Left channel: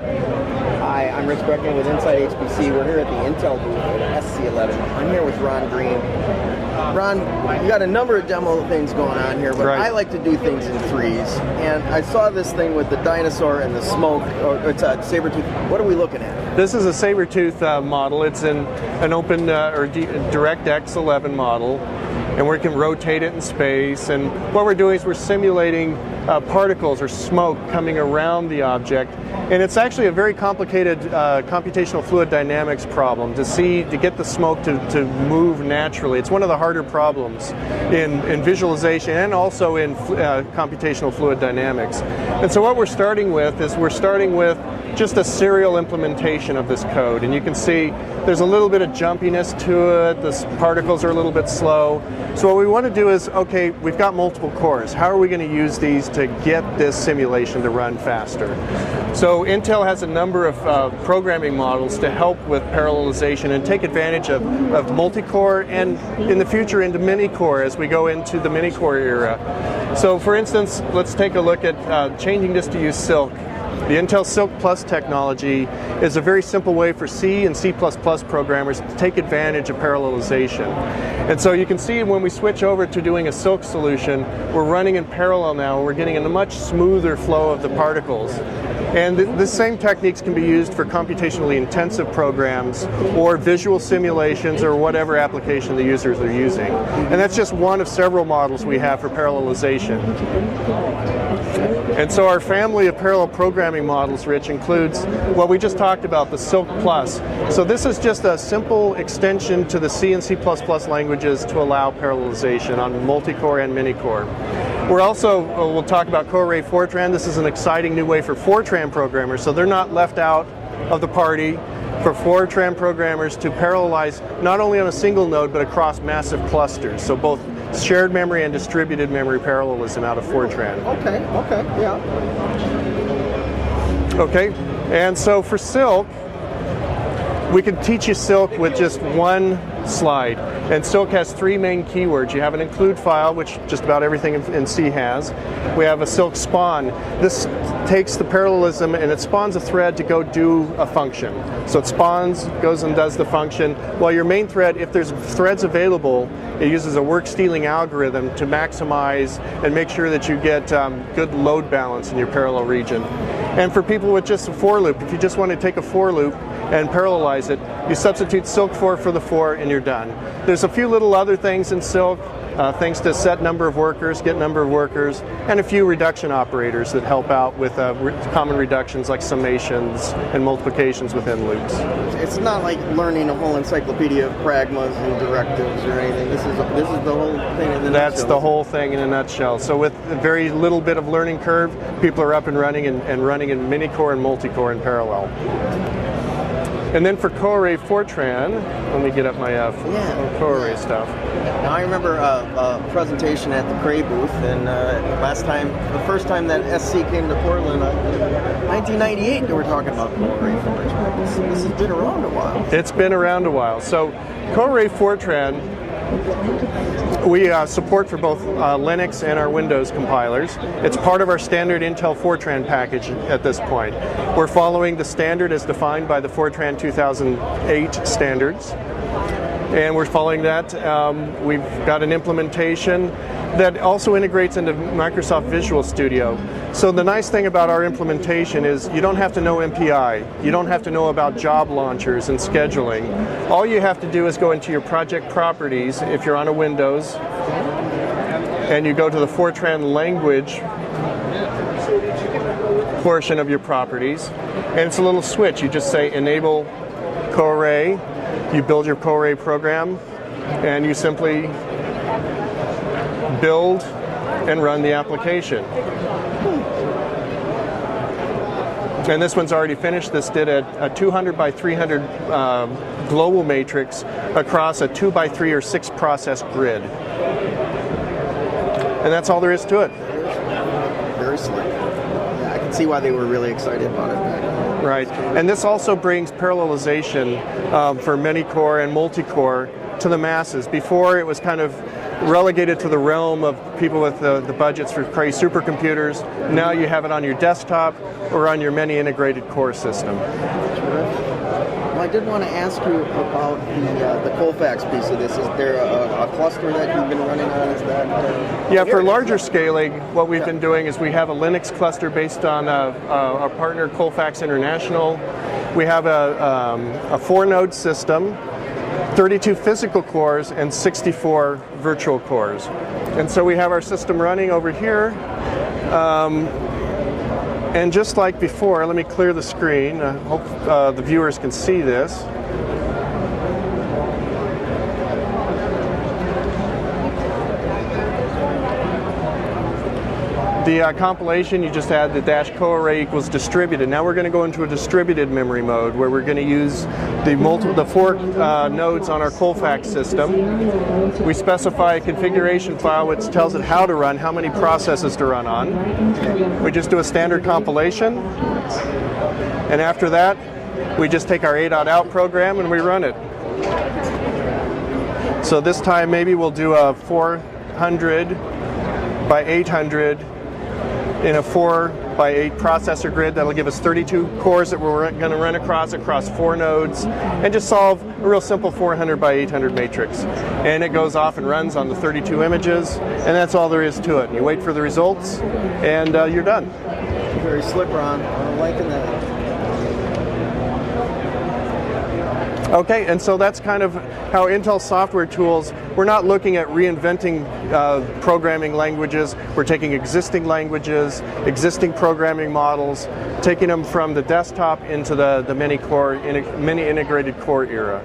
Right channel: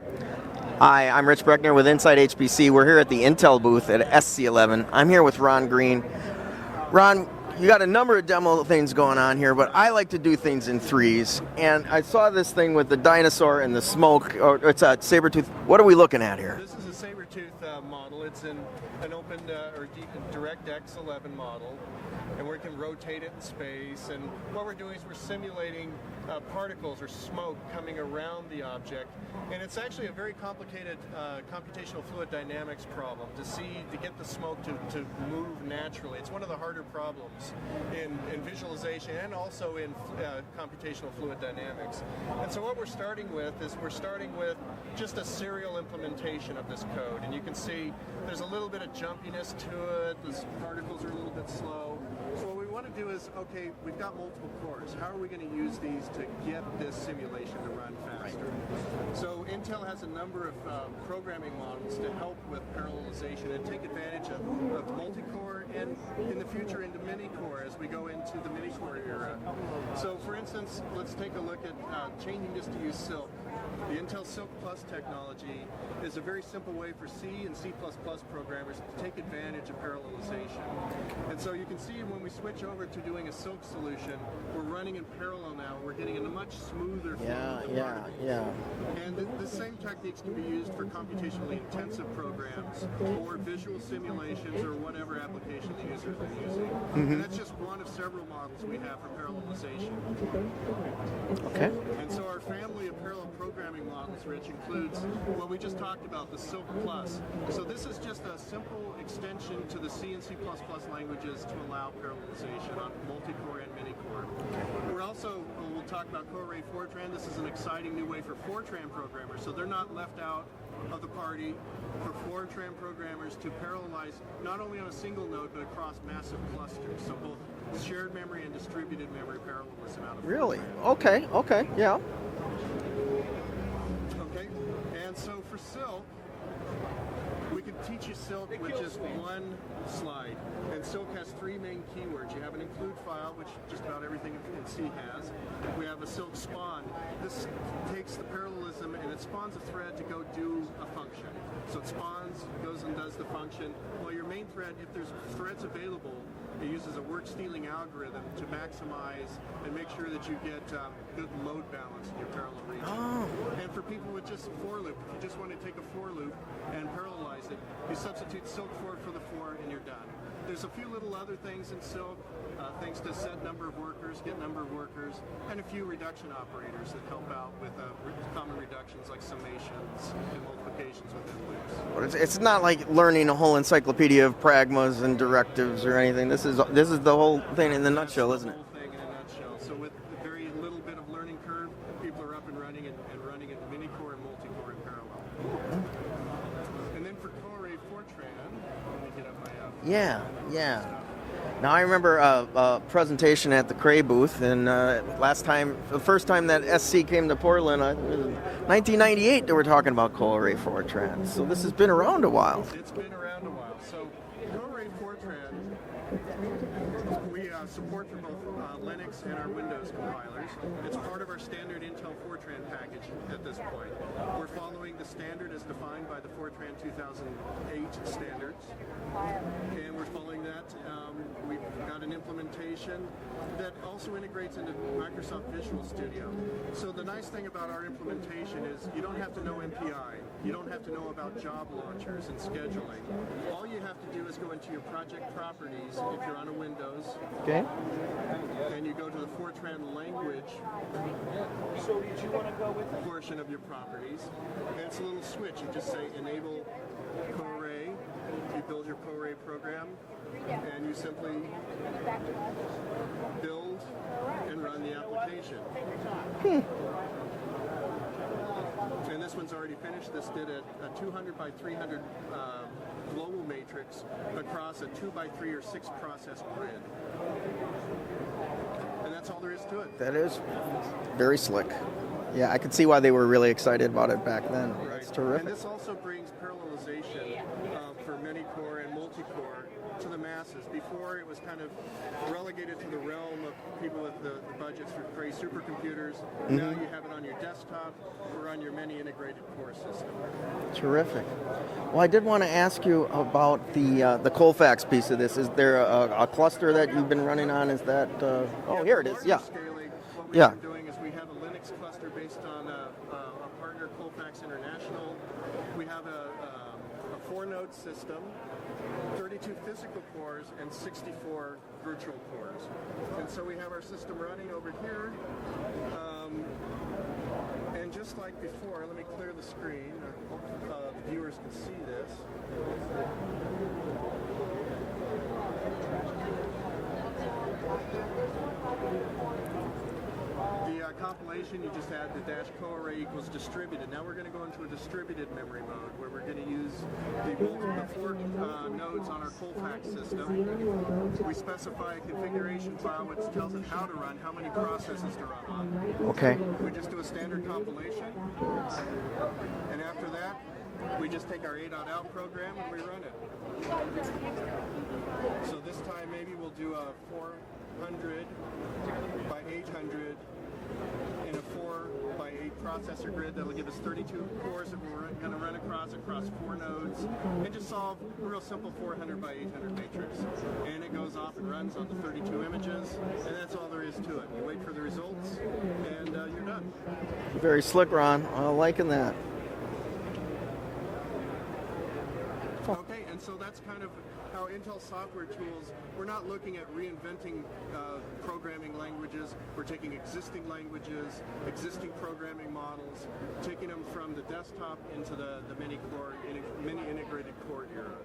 Hi, I'm Rich Breckner with Inside HPC. We're here at the Intel booth at SC11. I'm here with Ron Green. Ron, you got a number of demo things going on here, but I like to do things in threes. And I saw this thing with the dinosaur and the smoke. It's a saber-tooth. What are we looking at here? This is a saber-tooth model. It's an open or DirectX 11 model, and we can rotate it in space. And what we're doing is we're simulating particles or smoke coming around the object. And it's actually a very complicated computational fluid dynamics problem to get the smoke to move naturally. It's one of the harder problems in visualization and also in computational fluid dynamics. And so what we're starting with is just a serial implementation of this code. And you can see there's a little bit of jumpiness to it. The particles are a little bit slow. So what we want to do is, okay, we've got multiple cores. How are we going to use these to get this simulation to run faster? So Intel has a number of programming models to help with parallelization and take advantage of multi-core and in the future into mini-core as we go into the mini-core era. So for instance, let's take a look at changing this to use Silk. The Intel Silk Plus technology is a very simple way for C and C++ programmers to take advantage of parallelization. And so you can see when we switch over to doing a Silk solution, we're running in parallel now. We're getting a much smoother flow of the particles. And the same techniques can be used for computationally intensive programs or visual simulations or whatever application the users are using. And that's just one of several models we have for parallelization. And so our family of parallel programming models, Rich, includes what we just talked about, the Silk Plus. So this is just a simple extension to the C and C++ languages to allow parallelization on multi-core and mini-core. We'll talk about CoRay Fortran. This is an exciting new way for Fortran programmers, so they're not left out of the party. For Fortran programmers to parallelize not only on a single node, but across massive clusters. So both shared memory and distributed memory parallelism out of Fortran. Okay, yeah. Okay, and so for Silk, we can teach you Silk with just one slide. And Silk has three main keywords. You have an include file, which just about everything in C has. We have a Silk spawn. This takes the parallelism and it spawns a thread to go do a function. So it spawns, goes and does the function, while your main thread, if there's threads available, it uses a work stealing algorithm to maximize and make sure that you get good load balance in your parallel region. And for people with just a for loop, if you just want to take a for loop and parallelize it, you substitute Silk for the for and you're done. There's a few little other things in Silk, things to set number of workers, get number of workers, and a few reduction operators that help out with common reductions like summations and multiplications within loops. It's not like learning a whole encyclopedia of pragmas and directives or anything. This is the whole thing in the nutshell. That's the whole thing in a nutshell. So with a very little bit of learning curve, people are up and running in mini-core and multi-core in parallel. And then for CoRay Fortran, let me get up my CoRay stuff. Now I remember a presentation at the Cray booth, and the first time that SC came to Portland, 1998, they were talking about CoRay Fortran. So this has been around a while. It's been around a while. So CoRay Fortran, we support for both Linux and our Windows compilers. It's part of our standard Intel Fortran package at this point. We're following the standard as defined by the Fortran 2008 standards. And we're following that. We've got an implementation that also integrates into Microsoft Visual Studio. So the nice thing about our implementation is you don't have to know MPI. You don't have to know about job launchers and scheduling. All you have to do is go into your project properties if you're on a Windows, and you go to the Fortran language portion of your properties, and it's a little switch. You just say enable CoRay. You build your CoRay program, and you simply build and run the application. And this one's already finished. This did a 200 by 300 global matrix across a 2 by 3 or 6 process grid. And that's all there is to it. Very slick. Yeah, I can see why they were really excited about it back then. Right, and this also brings parallelization for mini-core and multi-core to the masses. Before, it was kind of relegated to the realm of people with the budgets for crazy supercomputers. Now you have it on your desktop or on your many integrated core system. Well, I did want to ask you about the Colfax piece of this. Is there a cluster that you've been running on? Is that yeah, for larger scaling, what we've been doing is we have a Linux cluster based on our partner Colfax International. We have a 4-node system, 32 physical cores, and 64 virtual cores. And so we have our system running over here. And just like before, let me clear the screen. I hope the viewers can see this. The compilation, you just add the dash co-array equals distributed. Now we're going to go into a distributed memory mode where we're going to use the 4 nodes on our Colfax system. We specify a configuration file which tells it how to run, how many processes to run on. We just do a standard compilation. And after that, we just take our A.out program and we run it. So this time maybe we'll do a 400 by 800 in a 4 by 8 processor grid. That'll give us 32 cores that we're going to run across 4 nodes, and just solve a real simple 400 by 800 matrix. And it goes off and runs on the 32 images, and that's all there is to it. You wait for the results, and you're done. Very slick, Ron. I'm liking that. Okay, and so that's kind of how Intel software tools, we're not looking at reinventing programming languages. We're taking existing languages, existing programming models, taking them from the desktop into the many integrated core era.